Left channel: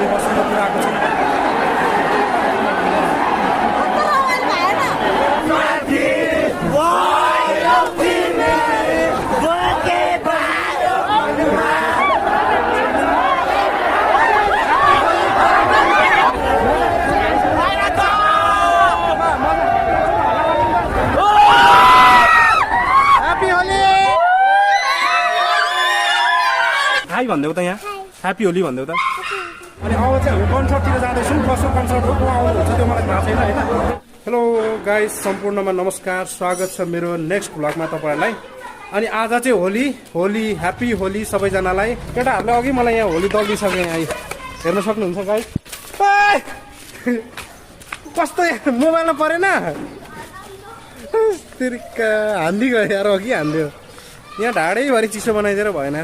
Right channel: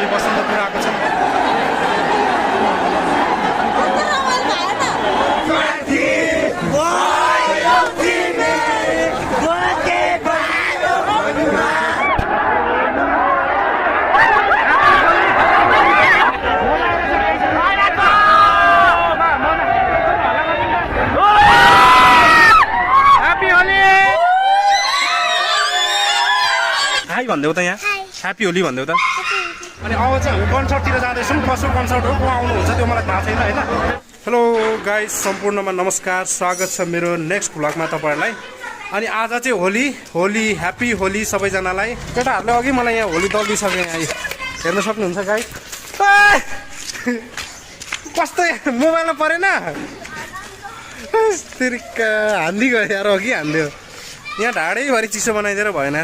हामी बसन्तपुर आएको छौँ। हाई भनिदेऊ त यहाँ, ह्याप्पी होली भनिदेऊ त। अनि अब चाहिँ हामी कन्सर्टतिर जाँदैछौँ। कसो कन्सर्ट हो, को आउनुहुन्छ त्यो मलाई थाहा छैन होइन। हेलो गाइस, सम्पूर्णमा नमस्कार, स्वागत छ मेरो नेक्स्ट भ्लगमा तपाईँहरूलाई। अनि आज चाहिँ होली ह्याप्पी होली सबैजनालाई। केटाहरूले अघि मलाई यहाँ होली दलिसके, यहाँ हेर्न सक्नुहुन्छ गाइस। कस्तो मोबाइलमा परेन, हान्दी गयो यार, अघि हान्दियो। यहाँ ढाडैभरि चिसो बनाइदिएर भएन।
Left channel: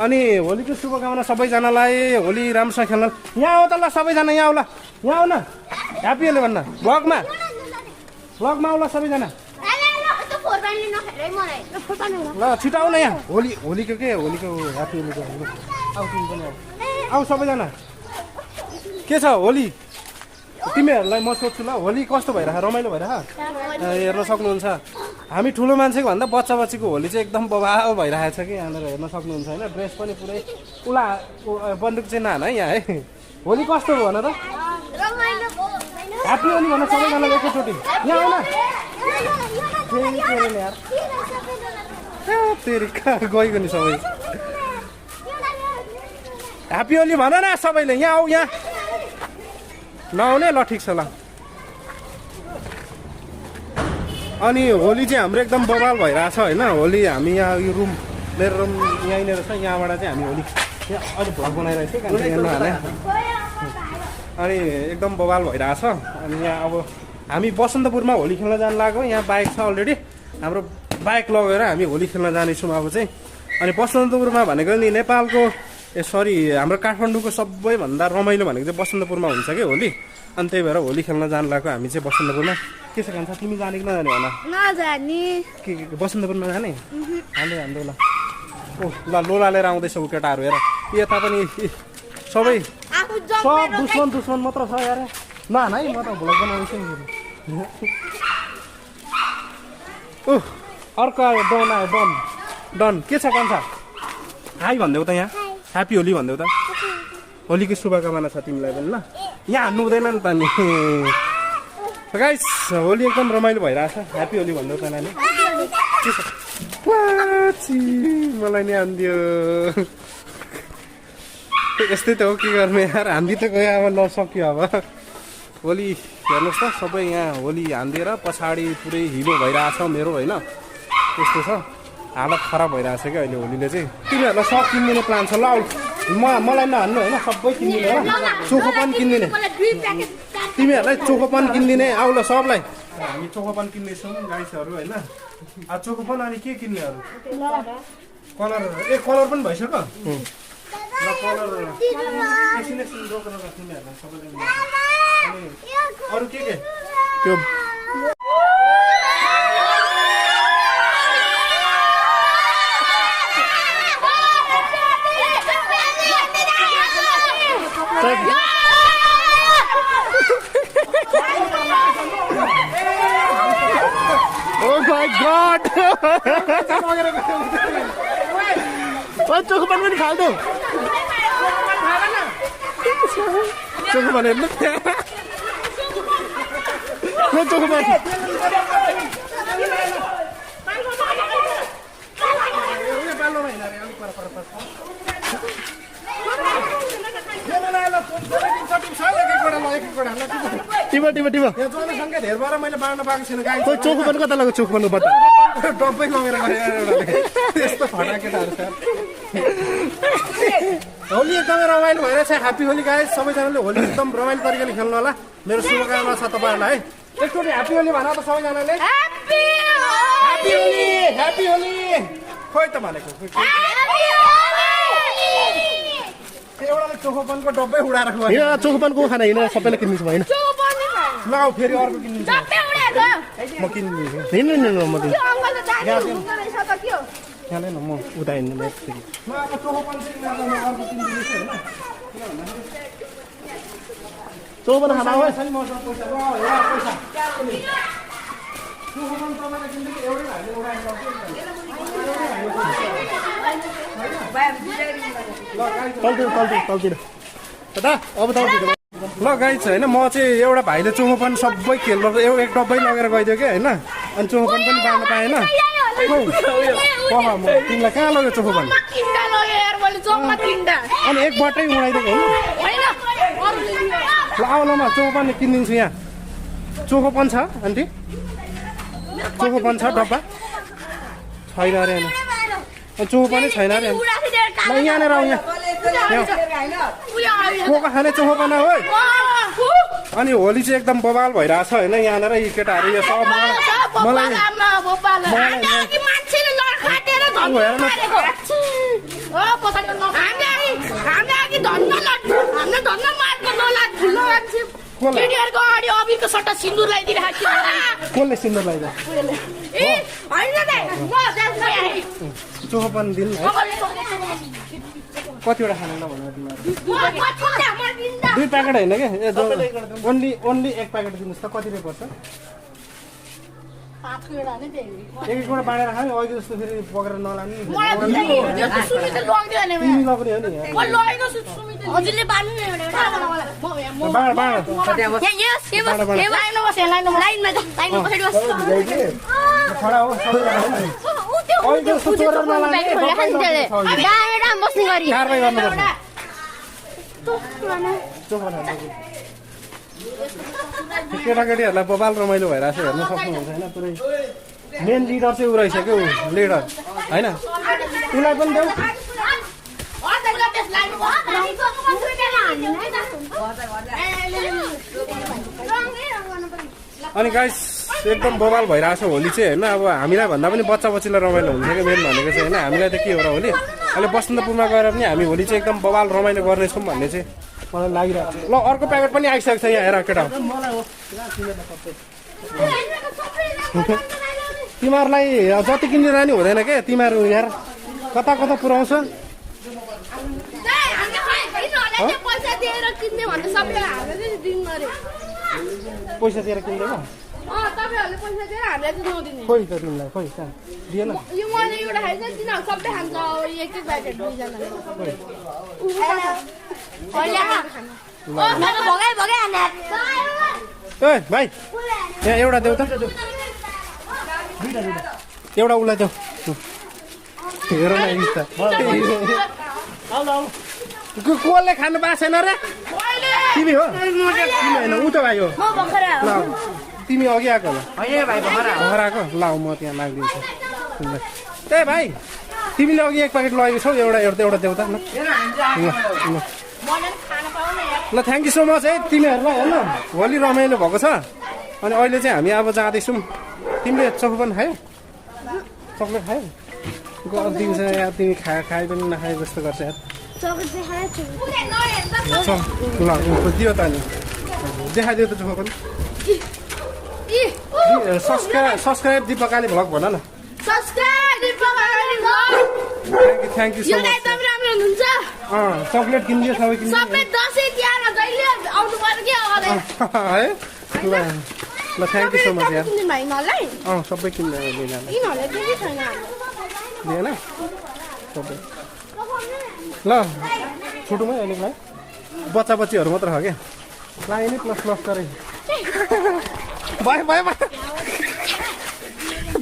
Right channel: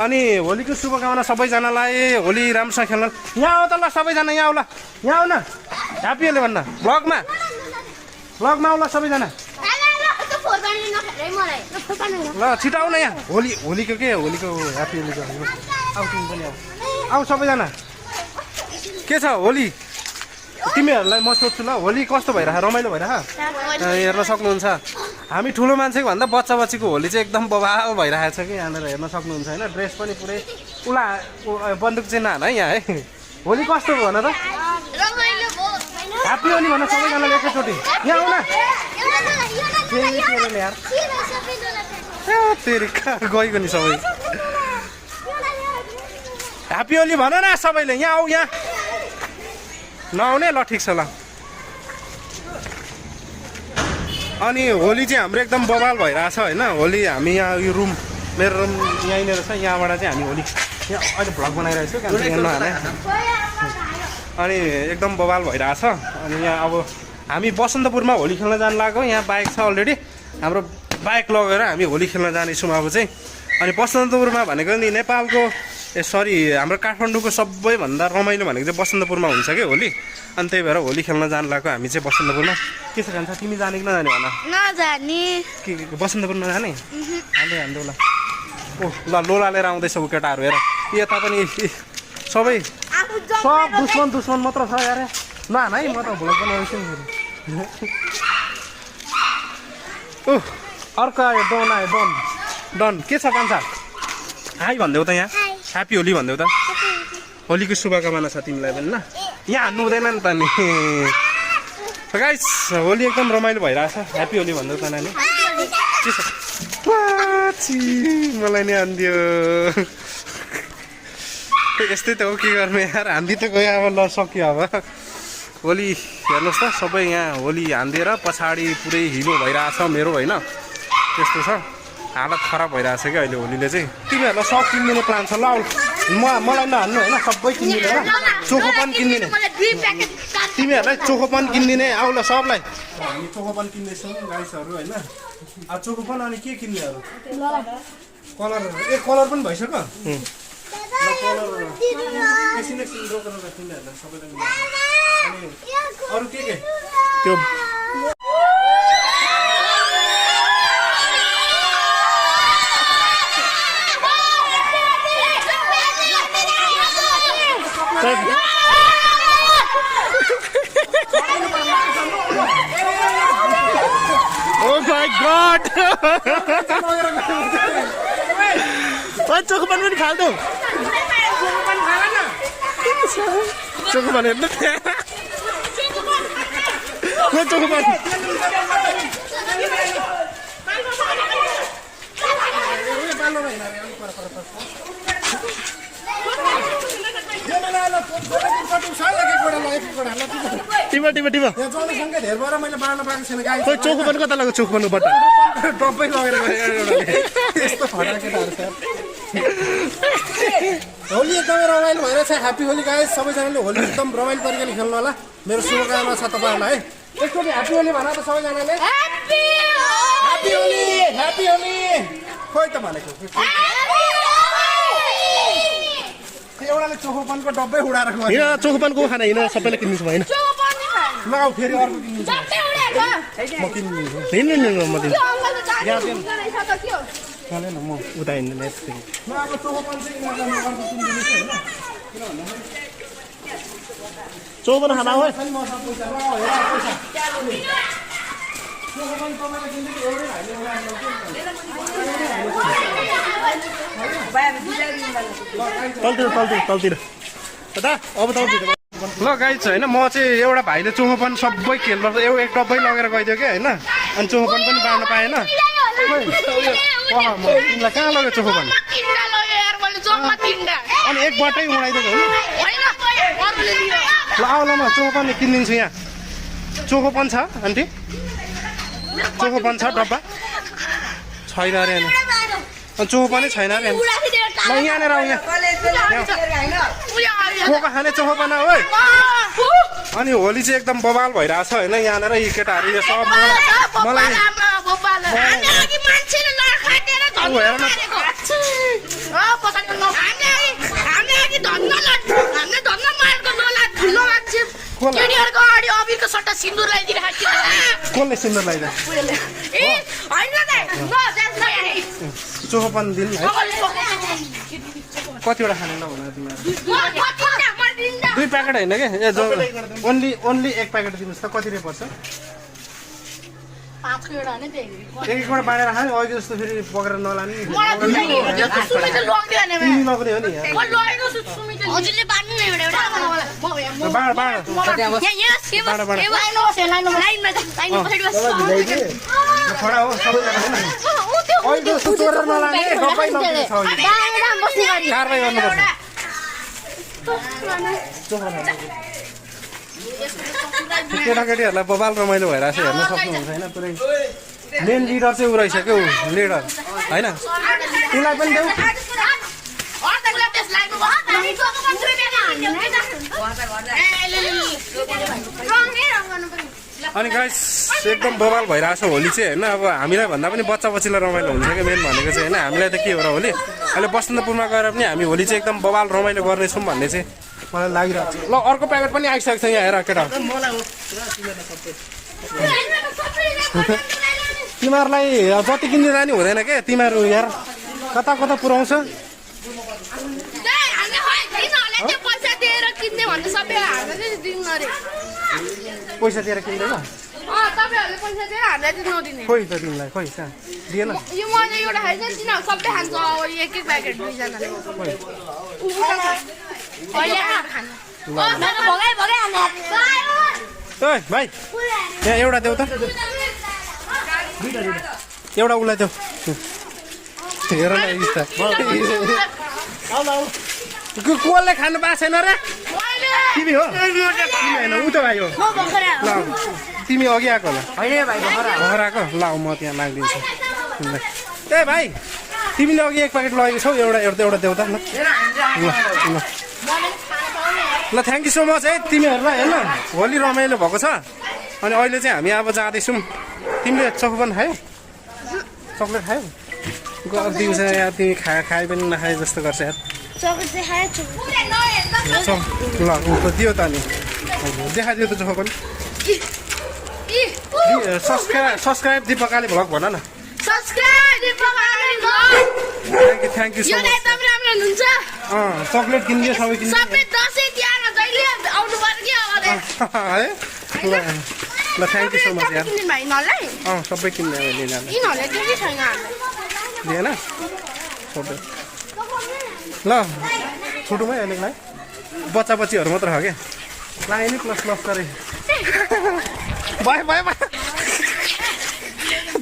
अनि होलीको शुभकामना सबैजनालाई, होली राम्रोसँग खेल्न। यहाँ आऊ त ल सबैजना, यहाँ आऊ ल, यहाँ आऊ न, ह्याप्पी होली भन्न। ब्लगमा आऊ ल सबैजना, ल छिटो आऊ न यहाँ। होलीको के, होलीको ह्याप्पी होलीको आऊ, तिमी पनि आऊ सबैजना। के छ होली तिमीहरूलाई म सोध्छु ल, होली कस्तो भइरह, रमाइलो भइरह? हेर्न सक्नुहुन्छ हामी ठुलो मान्छेको भन्दा बच्चा बच्चीको होली चाहिँ एकदम बवाल भइरहेको छ कि यहाँनिर हेर्न सक्नुहुन्छ होइन। ड्रेस पनि पुरै उला बन्दुक चाहिँ नहान है यहाँ है। होली कस्तो भयो भन त, ह्याप्पी होली भन सबैजनाले एकैचोटि। यहाँ आउन यार, तेरि गइको नि सबै। ह्याप्पी होली भन न सबैले, यहाँ आऊ। यहाँ नआउने ल, ठिक छ ल। अनि होली चाहिँ हाम्रो एकदम बवाल भइरहेछ होइन। होली हामी यहाँ यो रुम, मेरो रुम यहीँनिर छ, यहाँबाट चाहिँ हामी होली यहाँ अहिले भ्लग बनाइरहेको छु अनि एकदम बवाल भइरहेछ। अनि यहाँ अब हामी बसन्तपुरमा होली खेल्न जानु लाग्यो। यहाँ बाइक छ अलरेडी, हाम्रो बाइक लगेर हामी होली खेल्न जानेछौँ अब चाहिँ। अनि बसन्तपुरमा भनेको नि नेपालको हाम्रो काठमाडौँको सबैभन्दा रमाइलो भनेको चाहिँ बसन्तपुरमा हुन्छ कि होली। अनि त्यही भएर होली खेल्न जानु लाग्यो हामी चाहिँ बसन्तपुरमा। के छ खान्छ, तिमी जाने कि नजाने भन? नजाने। के बसन्तपुर नजाने? हान्दै ल। ओह ल, लोला लिएर आउँदैछ ऊ केटाहरू हेर। यता पनि सब दुश्मन मात्र छ यार। नहान है, म त भ्लग बनाउँछु नि। ओह अर्को आयो, डन आयो, डन। के छ कान्छ, हाई भनिदेऊ त यहाँ, ह्याप्पी होली भनिदेऊ त। होलीको शुभकामना छ तिमीलाई पनि ल। यहाँ हान्नु हुँदैन नि त नि गाइस। होली एकदम रमाइलो भइरहेछ। ह्याप्पी होली भनिदेऊ त नानी। के छ, मलाई नि हान्दियो। यस्तै त हो, के गर्ने यार, हान्दी त गयो अब। ल सक्यो अब होली। हेर्नुहोस् त सबै यहाँ होली हान्दिएर पछाडि पुरै हिलो भइरहेछ मेरो होइन। त्यस्तो छ, हालत खराब भइरहेछ क्या अहिले होलीले चाहिँ। तिमीहरूलाई सब किनिदिने प्लान छ ल। मलाई नहान्नु होइन, सबै किनिदिने हो। चोखोपन किनिदिने, तिमीहरूलाई चोखोपन किनिदिने। आउ ल सबलाई, हामी चोखोपन किन्नेछौँ गाइसहरू होइन। चोखोपन अनि के किन्नेहरू, कलर कलर पनि भइसक्यो ल। कलर किन्नेहरूलाई सबैजना। अनि अरू के त्यो Oh my God! चोखोपन पनि फाल्दो, चोखोपन हेर्नु चोखोपन। चोखोपन कता लाग्यो, चोखोपनको बट्टा डब्बै लगेर यस्तो फटा केटाहरू छ। होली एकदमै रमाइलो भइरहेछ। ह्याप्पी होली गाइस, सबैजनाले होली एकदम रमाइलो तरिकाले खेल्नु होला। मेरो शुभकामना छ तपाईँहरूलाई है। एकचोटि ह्याप्पी होली भन त सबैजनाले। ह्याप्पी होली खोइ त भनेको। एउटाले चोखोपनको डब्बै उडाएर गयो। चोखोपनको खाना हिँड सबैले किन्नु होइन। ल फेरि अर्को किन्नु म किन्नु म दिन्छु न म उता हिँड्नु। अब चोखोपन चाहिँ अर्को किनिदिनुहोस् होइन। चौबन खाना हो तलतिर दादा अब तलतिर ल गाइस होइन म चाहिँ एउटा भाइले चोखोपन सबै खेल्नु एक डब्बै लगेर गइदियो कि होइन अनि चोखोपन पनि बाँड्न पाएन म तिमीलाई कहाँ लग्यो चोखोपन अनि एक बाटै उडाइदिएको हो ल आऊ ल म चोखोपन किनिदिन्छु यहाँ चोखोपन छ आन्टी चोखोपन छ डब्बा छैन अरे अनि चोखोपनै छैन अरे ल यहाँनिर आऊ यहाँ चोखो खाने चोखोपन हो अनि होली चाहिँ एकदम बवाल भइरहेछ होइन यहाँनिर यी केटाहरू यो सब मलाई कसले सिन्दुर लगाइदियो चोखोपन दिन है कतिवटा खाने नभन तिमीहरू 2 प्याकेट होइन कि ए ओन्ली 1 प्याकेट दिनुहोस् त कति रुपियाँ पर्छ एक-एकवटा बाँडेर खाने अहिले जस्तो फेरि पकेर नलाने केटाकेटीहरूलाई बबाल रमाइलो भइरहेको छ हेर्न सक्नुहुन्छ होइन पुरै मेन लिडर चाहिँ ऊ रहेछ क्या लिडर होइन उसलाई पनि देऊ अनि गाइस एकदम बवाल भइरहेको छ होली चाहिँ होइन अब हामीलाई भन्दा पनि बच्चा बच्चीलाई रमाइलो हुन्छ क्या मेन भनेको चाहिँ होइन हामीलाई त के हो र होली अहिले बसन्तपुरमा गएर पनि हामी होली चाहिँ एकदम बवाल रमाइलो गर्नेछौँ भन्ने चाहिँ मलाई लागिरहेको छ ल अर्को प्याकेट पनि आइसकेको छ यहाँ हेर केटा तिमीहरूलाई जति किन्ने जाने हुँदैन के तिमीहरू यार कता कता पुऱ्याउँछ पैसा दिएर किन्दैन खोइ त तिमीलाई खोइ दिएन भाइ यहाँ एउटा देऊ त एउटा उसलाई देऊ हेर न कसले खानु पाएको छैन र तिमी हो तिमी होइन ऊ त भाइ हो ल तिमी अघि आएको होला घर आएको ल म त्यहाँ मागिदिन्छु तिमीलाई ए भाइ तिमीले अघि 1 प्याकेट लगेको छौ एउटा देऊ त ल ल ल थ्याङ्क यू सो मच है तिमीहरूलाई होइन होली रमाइलो भएको छ अनि अहिले चाहिँ हामी अब जाँदैछौँ तिमीले चोखोपन खायौ चक्लेट खायौ दिउँछ यार तिमी खाए पनि नखाए जस्तो गर्छ यार ल दियो त अनि देखाइदियो त चोखोपन सब्सक्राइब दिपकाले भ्लग भन न thank you so much chocolate किनिदियो सबै किनिदियो है ल थ्याङ्क यू सो मच यार सबै किन्ने लिएन ल छोटोमै अहिलेलाई बच्चा बच्चीहरू मात्र हो क्या लाए नि प्लस गरे भयो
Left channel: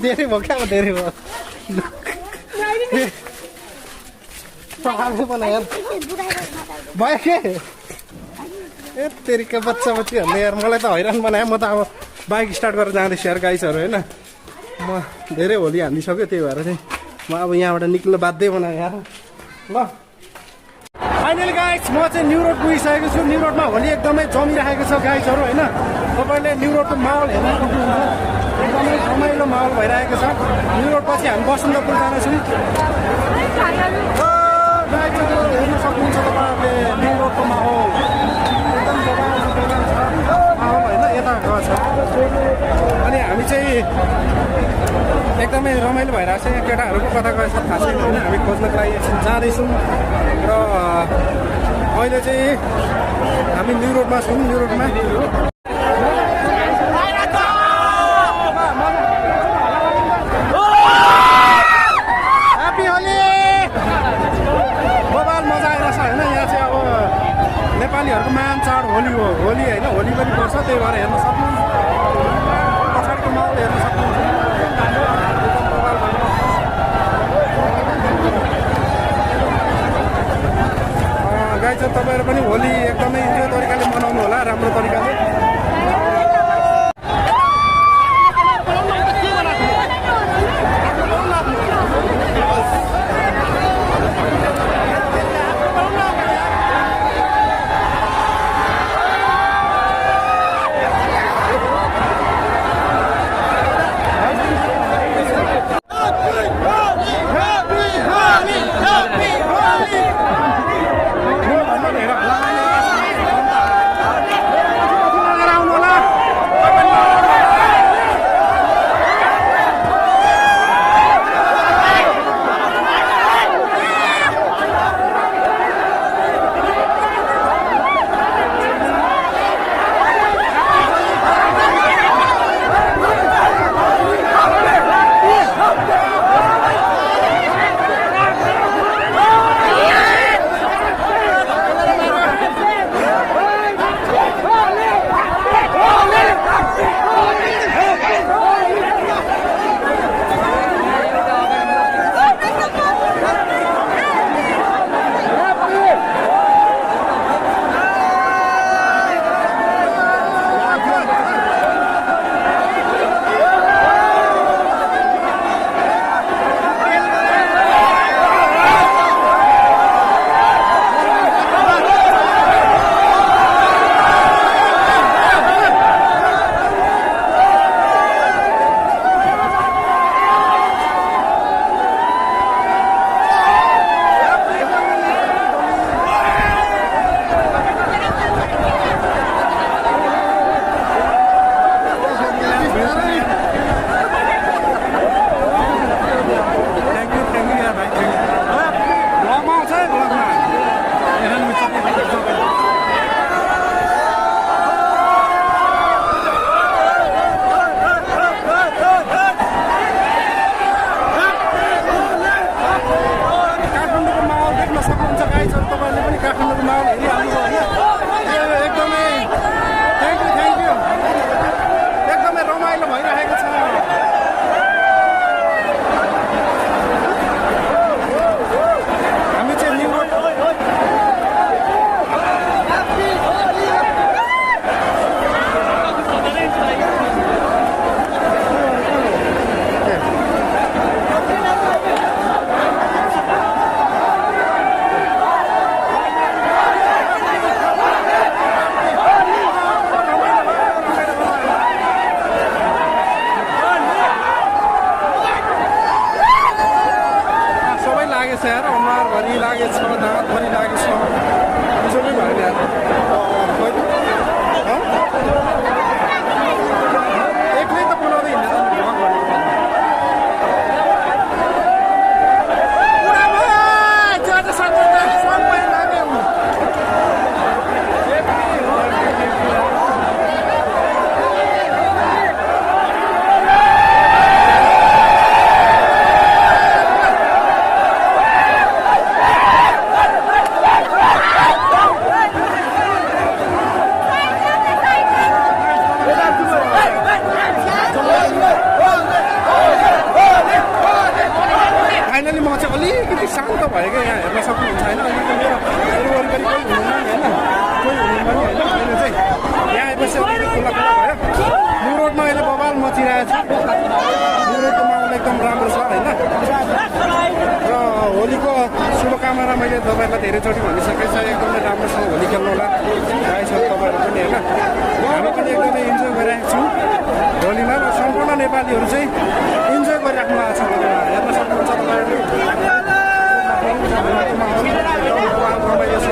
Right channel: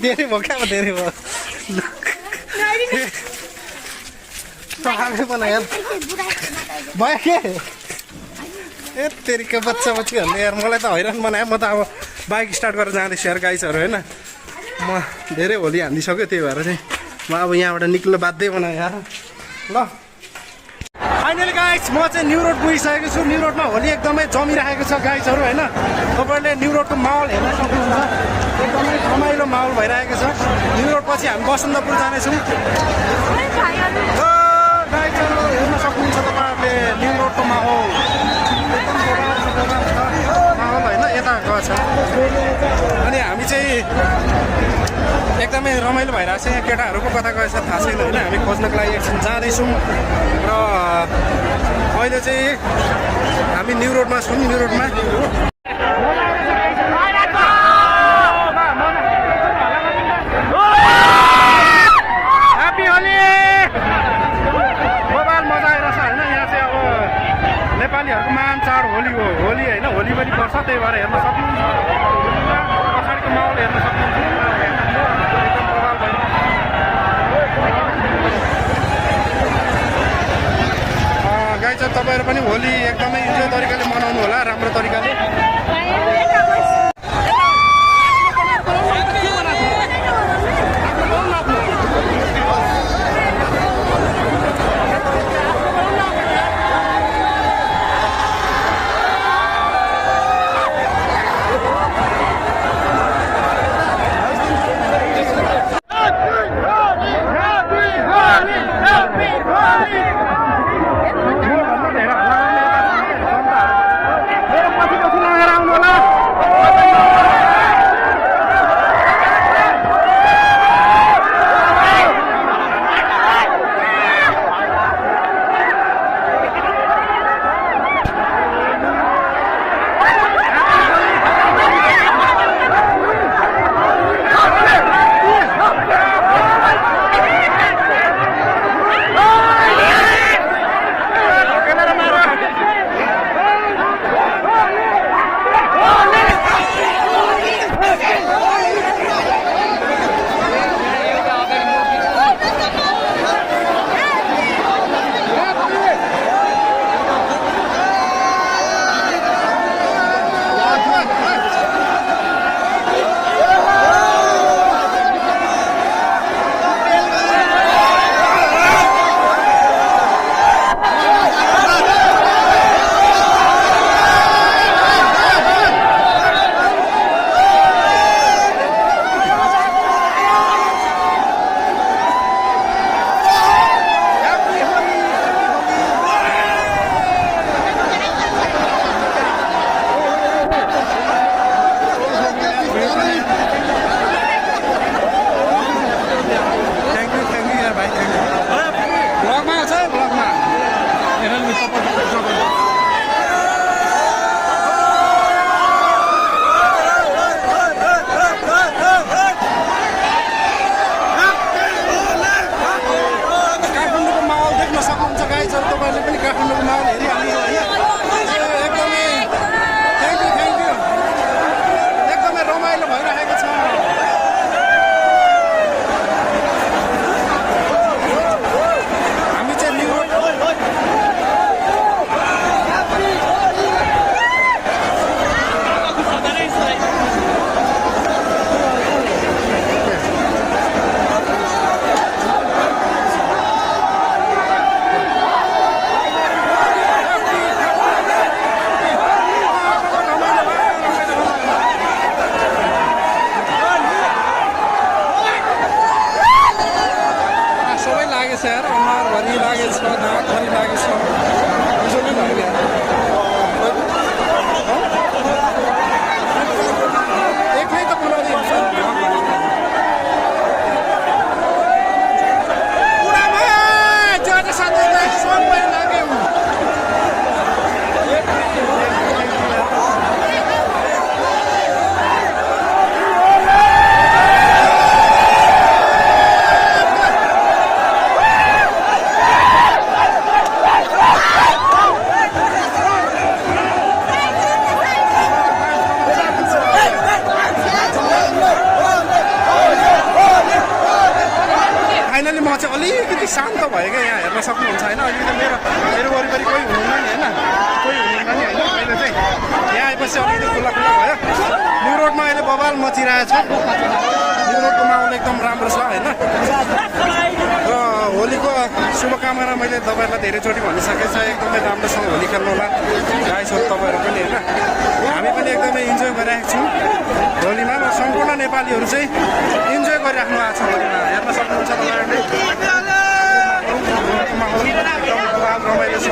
धेरै भयो क्या धेरै भयो यार भयो के ए तेरिका बच्चा बच्चीहरूले यार मलाई त हैरान बनायो म त अब बाइक स्टार्ट गरेर जाँदैछु यार गाइसहरू होइन म धेरै होली हानिदिइसक्यो त्यही भएर चाहिँ म अब यहाँबाट निक्ल्न बाध्य बनाएँ यार ल फाइनली गाइस म चाहिँ न्यू रोड पुगिसकेको छु न्यू रोडमा होली एकदमै जमिरहेको छ गाइसहरू होइन तपाईँहरूले न्यू रोडको माहौल हेर्न सक्नुहुन्छ एकदमै रमाइलो माहौल भइरहेको छ न्यू रोड पछि हामी बसन्तपुर जानेछौँ गाइसहरू हेर्न सक्नुहुन्छ तपाईँहरूले न्यू रोडको माहौल एकदम दोकान छ माहौल होइन यता गएको छ अनि हामी चाहिँ एकदमै रमाइलो भइरहेको छ यहाँ केटाहरूको कता गएछ थाहा छैन होइन हामी खोज्नको लागि एकछिन जाँदैछौँ र अहिले चाहिँ हामी न्यू रोडमा छौँ। न्यू रोडमा ह्याप्पी होली। बबाल मजा आइरहेछ होइन। यहाँ चाहिँ अब नेपालीहरूको महान चाड होली हो। होली होइन, होली पनि पर्छ, त्यही भएर हेर्न सक्नुहुन्छ। पछाडिको माहौल हेर्न सक्नुहुन्छ। एकदम बबाल भयो। गाइज तपाईँहरू पनि होली एकदमै इन्जोय तरिकाले मनाउनु होला, राम्रो तरिकाले। सक्नुहुन्छ गाइज, तपाईँहरूले पनि काठमाडौँको माहौल हेरिहाल्नु भयो होइन। एकदमै रमाइलो भइरहेको छ। हामी चाहिँ न्यू रोड लागेछ यार, अनुहारभरि लागेछ, दाँतभरि लागेछ, बिजोकै भयो यार। एक्लै त बोलाउँदै हिँड्दैन भ्लग भनेको। पुरामा ज्यादा साथै सबै लाग्यो। फाइनली म चाहिँ अलिकति शान्त भयो क्या। यहाँ हेर्न सक्नुहुन्छ होइन। अहिले त मेरो वरिपरि कोही हुनुहुन्न नि होइन, कोही हुनुहुन्न नि होइन। अहिले चाहिँ यहाँ आएपछि अलिकति खुल्ला खुल्ला भयो। न्यू रोडमा अहिले बवाल मचिरहेछ। न्यू रोडको माहौल एकदम राम्रो छ होइन। र होलीको शुभकामना मैले तपाईँहरूलाई धेरैचोटि भनिसकेको छ। एकदमै राम्रोसँग होली खेल्नु होला गाइसहरू, तपाईँहरू पनि होइन। हामी पनि एकदमै इन्जोय गरिरहेको छौँ होलीमा। र सम्पूर्ण नेपालीहरू चाहिँ इन्जोय गरिराख्नु भएको छ होलीमा। हेर्न सक्नुहुन्छ तपाईँहरूले होलीको माहौल एकदम बवाल रमाइलो छ।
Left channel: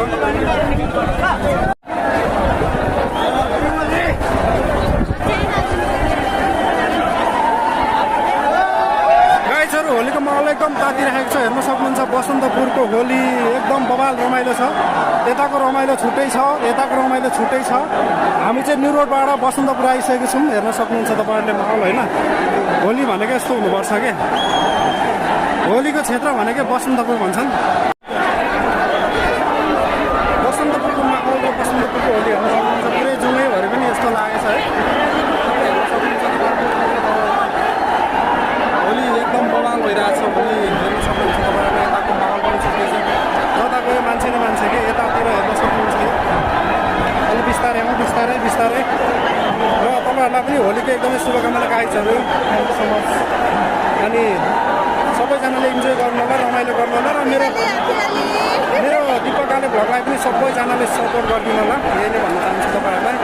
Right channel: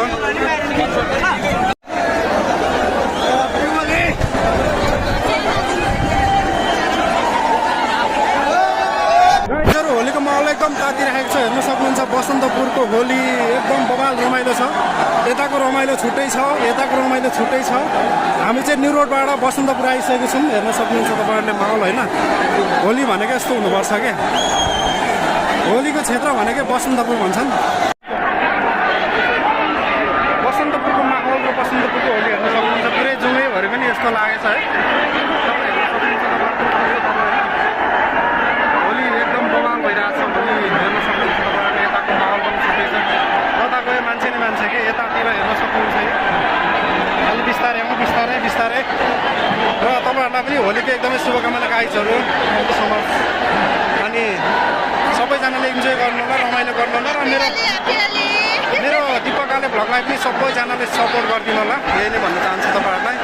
होलीको माहौल एकदम तातिरहेको छ। हेर्न सक्नुहुन्छ बसन्तपुरको होली एकदम बवाल रमाइलो छ। यताको रमाइलो छुट्टै छ, यताको रमाइलो छुट्टै छ। हामी चाहिँ न्यु रोडबाट बसन्तपुर आइसकेको छौँ। हेर्न सक्नुहुन्छ तपाईँहरूले माहौल होइन। होली भनेको यस्तो हुनुपर्छ क्या, होलीको क्षेत्र भनेकै बसन्तपुर भन्छन्। बसन्तपुरको माहौल र बसन्तपुरको होली हेर्न सक्नुहुन्छ। पुरै जुमैभरि पनि यस्तो लागेछ है, तपाईँ हेर्न सक्नुहुन्छ। होली एकदम बवाल भइरहेछ। होली हेर्न सक्नुहुन्छ तपाईँहरूले। यताको माहौल पनि छुट्टै छ, जता गयो मान्छे नै मान्छे कि यतातिर हेर्न सक्नुहुन्छ। अलि बिस्तारै बिस्तारै बिस्तारै। र तपाईँहरूलाई पनि होलीको एकदमै शुभकामना गाइजहरू समाज। अनि सबैजनाले इन्जोय गर्नु होला, रमाइलो गर्नु होला। र मेरो दिपकाले भ्लगलाई पनि सबैजनाले सपोर्ट गरिदिनु होला, यही नै भन्न चाहन्छु तपाईँहरूलाई।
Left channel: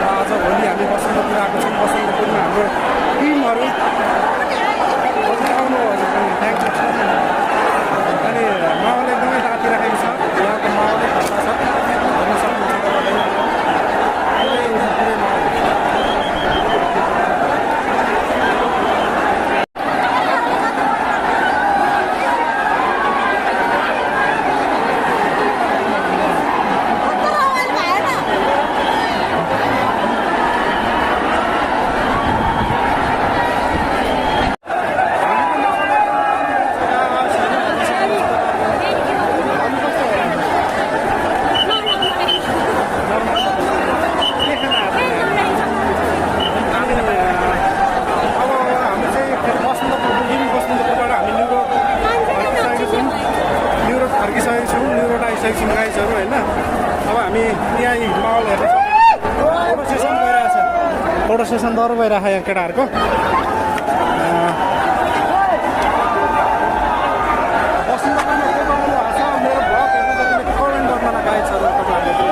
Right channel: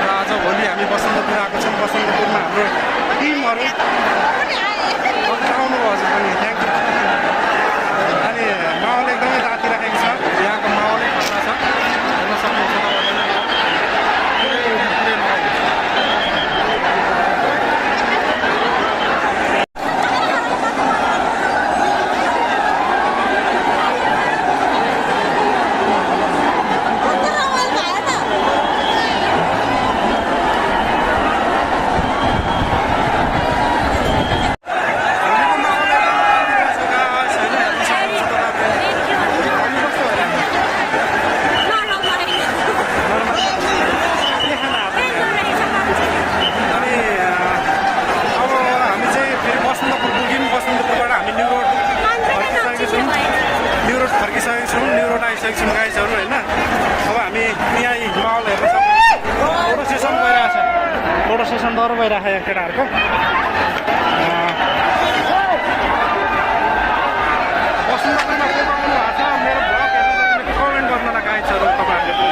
र आज भोलि हामी बसन्तपुर आएको छौँ। बसन्तपुरमा हाम्रो टिमहरू हजुर आउनु हजुर पनि थ्याङ्क यू। अनि माहौल एकदमै तातिराखेको छ, यहाँको माहौलै खतरा छ, हेर्न सक्नुहुन्छ तपाईँहरूले। पुरै माहौल गाइजहरू होइन। अब हामी यहाँ माहौल हेर्न सक्छौँ। फोटो सेसन भइरहेछ, फोटो सेसन दर भइरहेको यहाँ केटाहरूको। बसन्तपुरमा को आउनु भएको छ मेरो भ्लग हेर्न जतिले कमेन्ट गर्नु होला गाइजहरू तपाईँहरूले।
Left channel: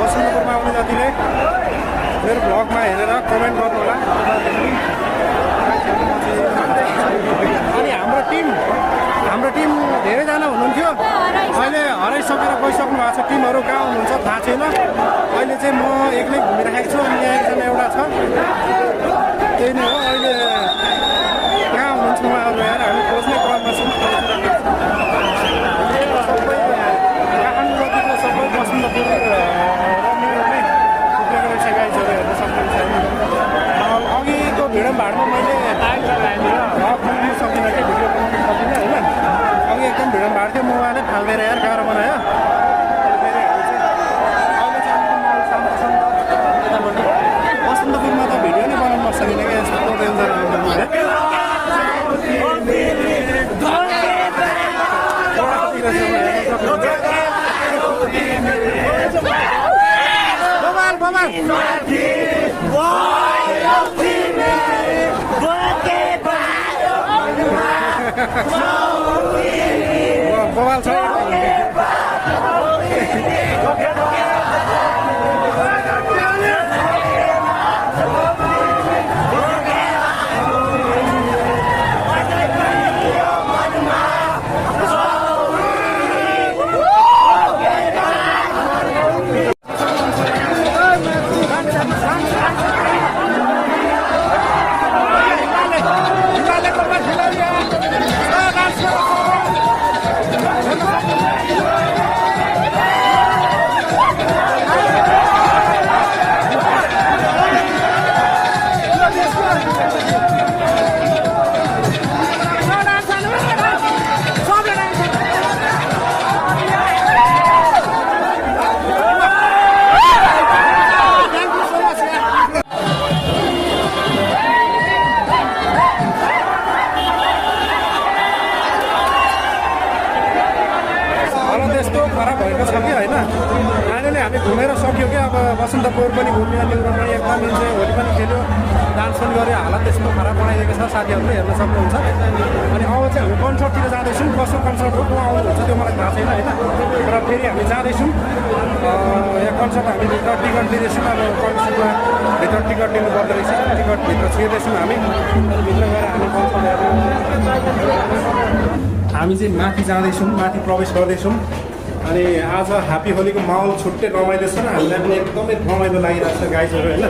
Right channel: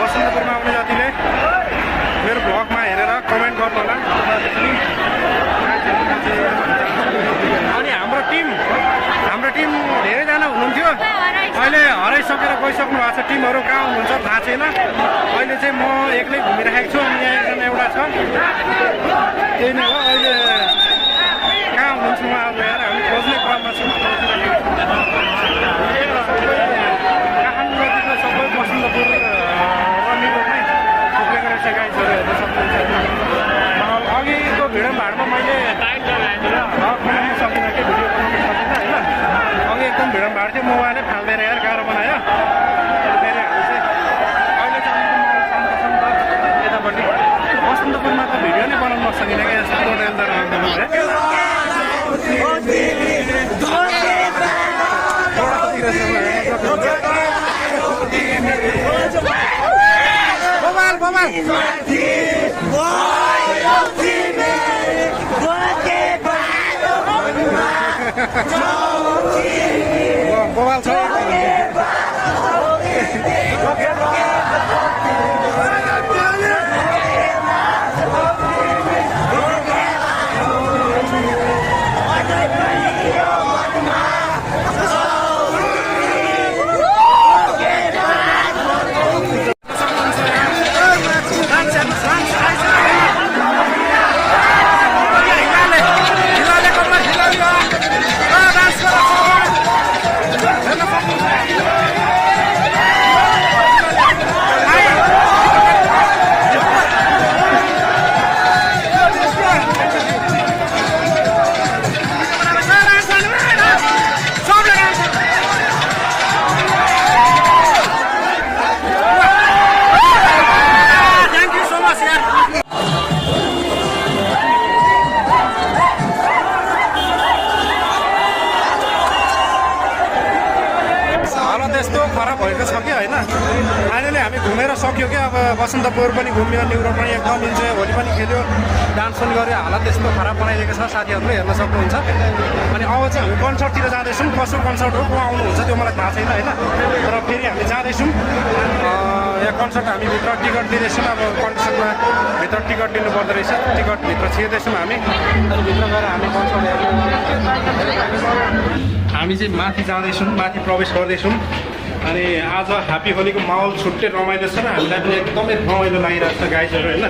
बसन्तपुरमा आउने जतिले मेरो भ्लगमा हेरेर कमेन्ट गर्नु होला तपाईँहरूले पनि। अनि हाम्रो टिम धेरैजना हुनुहुन्थ्यो, अहिले हराइसकेर गइसक्नु भएको छ। टिमहरू कहाँ हुनुहुन्छ थाहा छैन। अहिले चाहिँ म एक्लै घुमिरहेको छु। अनि यहाँ एकजना एउटा छ, त्यही नै हो। अहिले कहाँ हुनुहुन्छ उहाँहरू हेरेर हामी खोज्ने क्रममा छौँ। सबै काठमाडौँ जतिको सबै बसन्तपुर रनिङ नै थुप्रेको रहेछ गाइजहरू हेर्न सक्नुहुन्छ होइन। अघिको भिडियो भाडमा मैले बनाउनु सकिनँ कि भिडियो बनाउनु सकिनँ होइन। अघि एकदम भिडियो भाड थियो, मोबाइलै फाल्दैन यार, गाह्रो बनायो। फेरि हामी चाहिँ अहिले चाहिँ अलिकति माहौल शान्त छ नि त यतापट्टि। बसन्तपुरमा त भिडियो नै बनाउनु सकिनँ क्या, यस्तो डेन्जर आउँदैन है। बवाल बवाल बवाल छ। त्यस्तो खराब भएको छ कि होइन। फाइनली हामी घुमेर सक्यो क्या। अब बसन्तपुर पनि घुम्यो, न्यु रोड पनि एकदम इन्जोय, होली पनि खेल्यो, डान्स पनि गऱ्यो। हालत त्यस्तो खराब बनाइदिएको छ, साथीहरूले हेर्न सक्नुहुन्छ। अनि अब चाहिँ हामी कन्सर्टतिर जाँदैछौँ। कसो कन्सर्ट हो, को आउनुहुन्छ त्यो मलाई थाहा छैन होइन। तर फेरि हामी जाँदैछौँ यहाँ कन्सर्ट। हामी भित्र टिकट लिँदैछौँ। अब कन्सर्टमा भित्र टिकट लिनु पर्दो रहेछ, टिकट भित्र छिर्दैछौँ हामी। अनि भित्र गएर हामी कन्सर्ट हेर्नु, हामी चाहिँ माथि जाँदैछौँ, माथि प्रवेश गर्दैछौँ। अनि आज ह्याप्पी होलीको माहौल छुट्टै रमाइलो छ र हामीलाई पनि एकदमै रमाइलो लागिरहेको छ गाइजहरू होइन।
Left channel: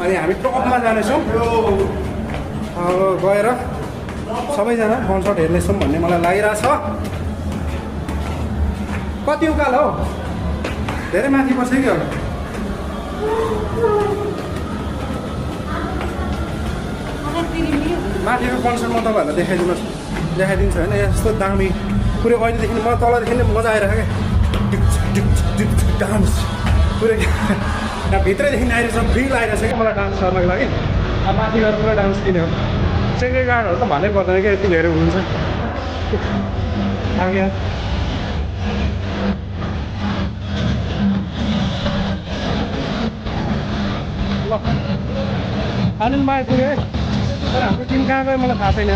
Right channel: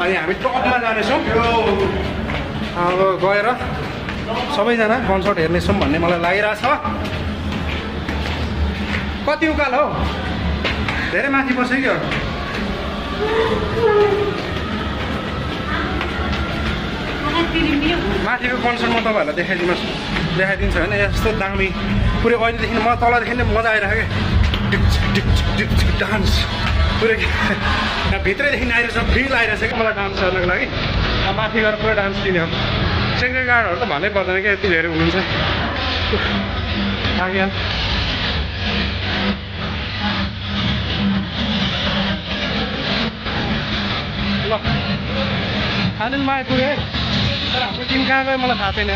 अनि हामी टपमा जानेछौँ। अब गएर सबैजना कन्सर्ट हेर्नेछौँ भन्ने मलाई लागिरहेछ। कति उकालो हौ धेरै माथि पर्छ कि अरू माथिको कन्सर्ट म तपाईँहरूलाई देखाइदिन्छु होइन यस्तो दामी पुरै अहिलेदेखि म तलदेखि नै मजा आइरहेको क्या डान्स पुरै यहाँ भित्रैदेखि आइरहेछ फिल आइरहेछ क्या मलाई डान्स गर्नको लागि अब माथि गएर पुरा डान्स दिने हो सेक्रेट गार्डहरू त भन्नै पर्दैन क्या यति धेरै हुनुहुन्छ आगे ल आनन्दमा आइपुग्यो है तर हाम्रो टिम कहाँ गयो मलाई थाहा छैन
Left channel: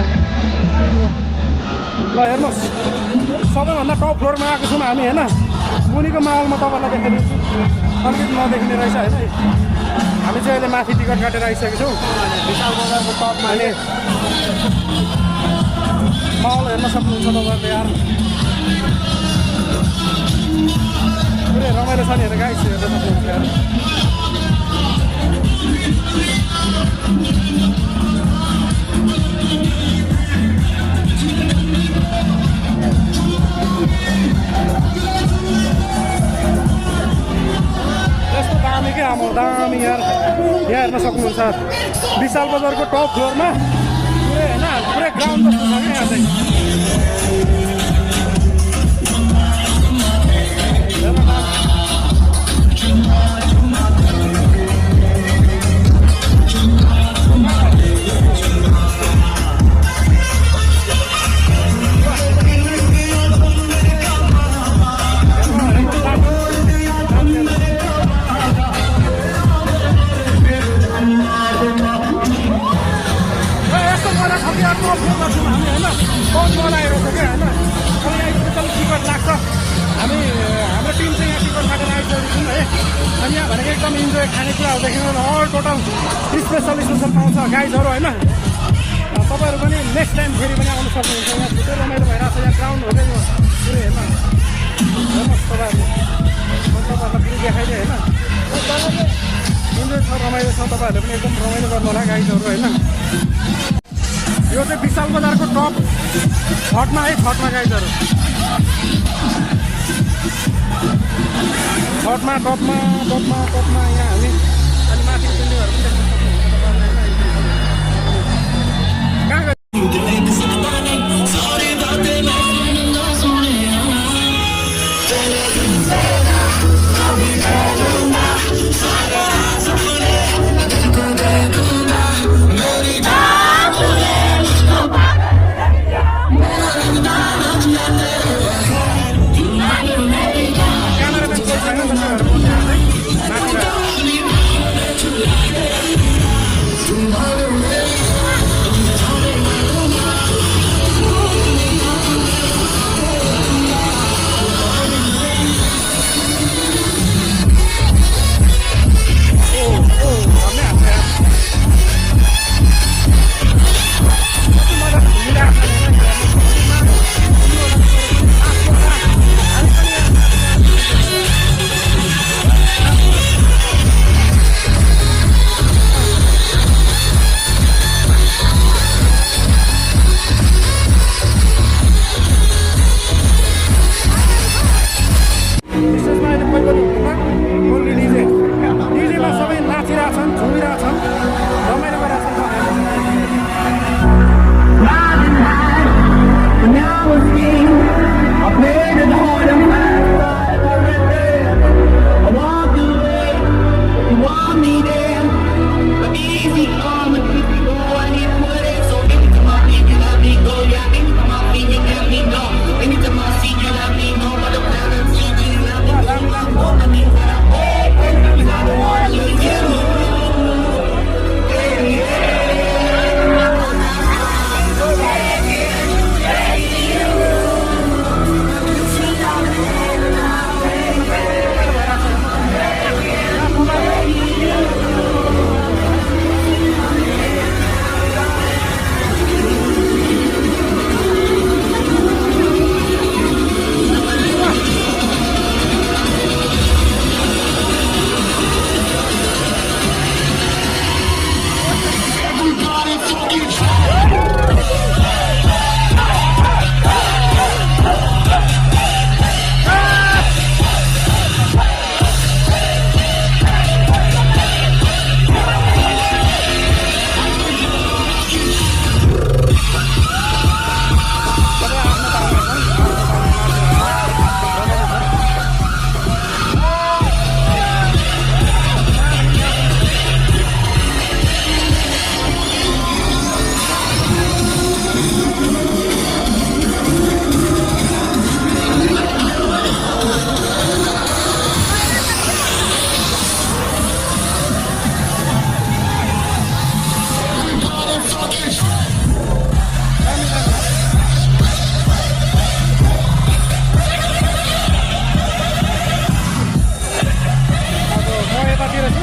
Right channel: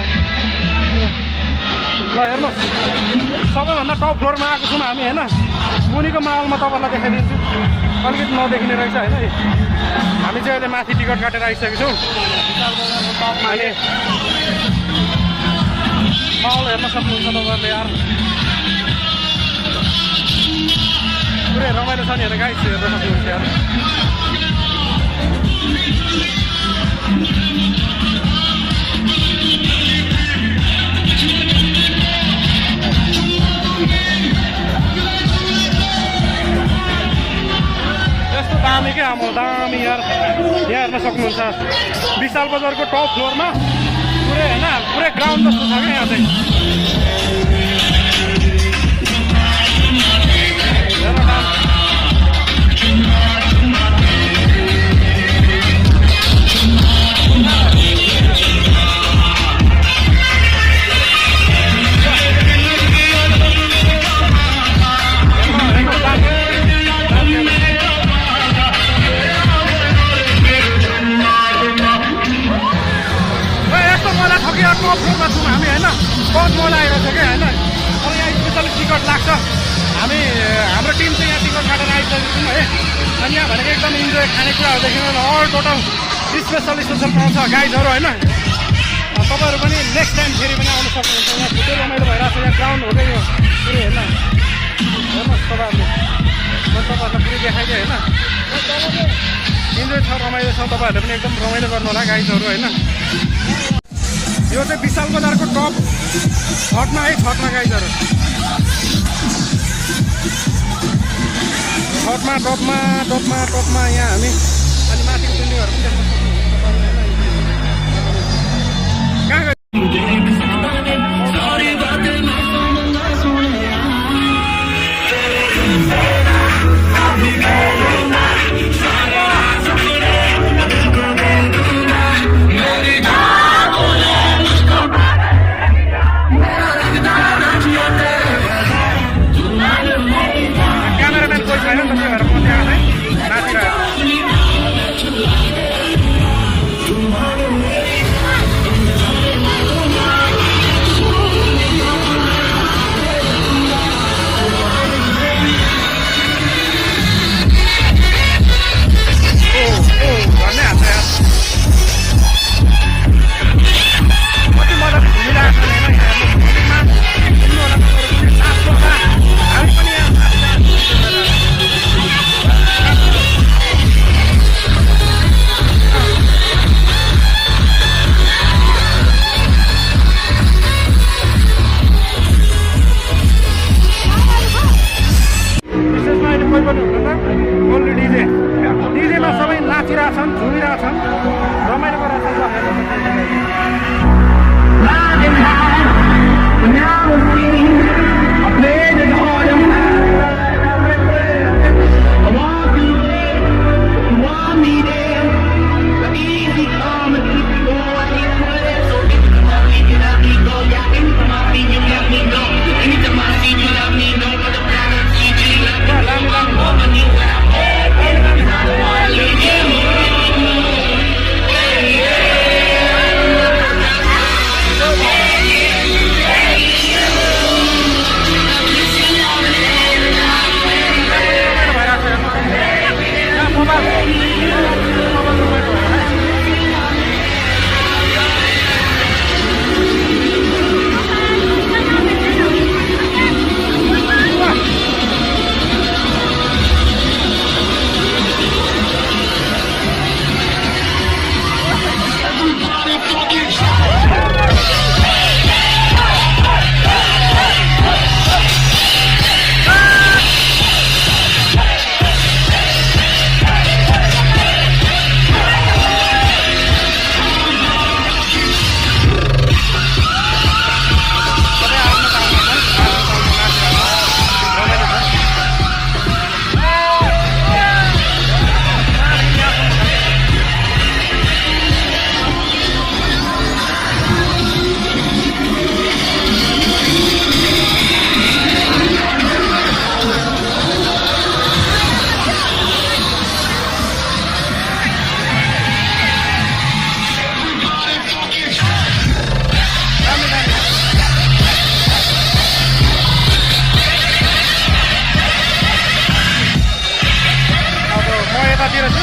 ल हेर्नुहोस् सबैभन्दा टप फ्लोरमा आएको छौँ हामी होइन मुनिको माहौलमा तपाईँलाई देखाइदिन्छु अलिकति नदेखिने रहेछ होइन हामी चाहिँ अहिले माथि टिकट काटेर आइसकेको छौँ अनि माहौल हेर्न सक्नुहुन्छ तपाईँहरूले यार पुरै रमाइलो छ नि हेर गाइस हेर्न सक्नुहुन्छ यार यस्तो दामी क्या आमा दामी यार यहाँ हेर्न सक्नुहुन्छ विशाल बजारको टप फ्लोरमा पुरै होइन पुरै ग्राउन्ड जस्तो छ क्या यहाँ चाहिँ हेर्न डान्स टप फ्लोरमा छौँ हामी होइन बहुत मजा आइरहेछ क्या होइन अब यहाँ स्पेसली टिकट लाग्छ हामी हाम्रो टिम चाहिँ यहाँ टिकट काटेर आइसकेको छौँ है अनि यहाँ भनेको एकदम इन्जोय खानेकुराहरूदेखि अल टोटल स्पेसल पाउँछ गाइजहरू होइन तपाईँहरू पनि नेक्स्ट टाइम फेरि पनि आउनु सक्नुहुन्छ यहाँ छुट्टै रमाइलो भइरहेको छ यहाँ ग्राउन्ड हुँदै यो पुरै होइन हेर्नुहोस् तपाईँहरूले म तपाईँहरूलाई पुरै देखाइदिएँ होइन इन्जोय छ रमाइलो छ तपाईँहरूले पनि एकदम रमाइलो गर्नु होला गाइजहरू होइन यो चाहिँ विशाल बजारको टप छटमा है छटमा गाइजहरू छटमा टपमा यहाँ हामी अनि माथिको बिल्डिङहरू पनि देख्न सक्नुहुन्छ तपाईँहरूलाई कहाँ गयो क्यामेराम्यान कोही छैन त्यसै भएर म त्यहाँ चाहिँ नाचिरहेको भन्नै हाल्छ यार कति मजाले घुमिरहेको छ होइन हेर्नु भोलिमा घुम्नु होला तपाईँहरू पनि लास्ट हामी पनि यहाँ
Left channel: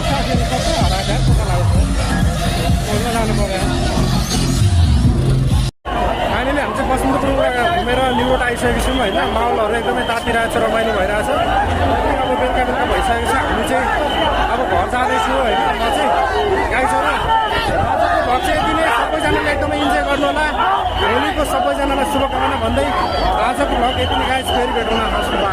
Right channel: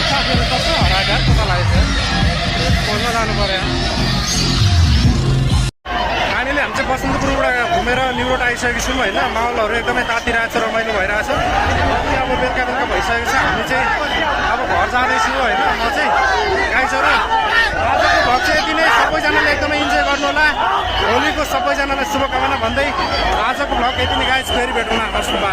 साथीहरू सबै हराएर पत्ता लागेको थियो खोज्न जानु पऱ्यो हामीले हामी चाहिँ बसन्तपुरबाट घुमेर न्युरोड आइसकेको छौँ होइन माहौलहरू एकदमै तातिरहेको छ रमाइलो भइरहेछ अनि अब बेलुका बेलुका भइसकेको छ हामी चाहिँ अब घर जाँदैछु होइन म चाहिँ गाई छ र आजको भ्लग चाहिँ यति नै सबैजनाले एकदमै इन्जोय गर्नु होला होलीको सबैजनालाई शुभकामना भन्दै आजको भ्लग यति नै गाइस फेरि भेटौँला हस् बाई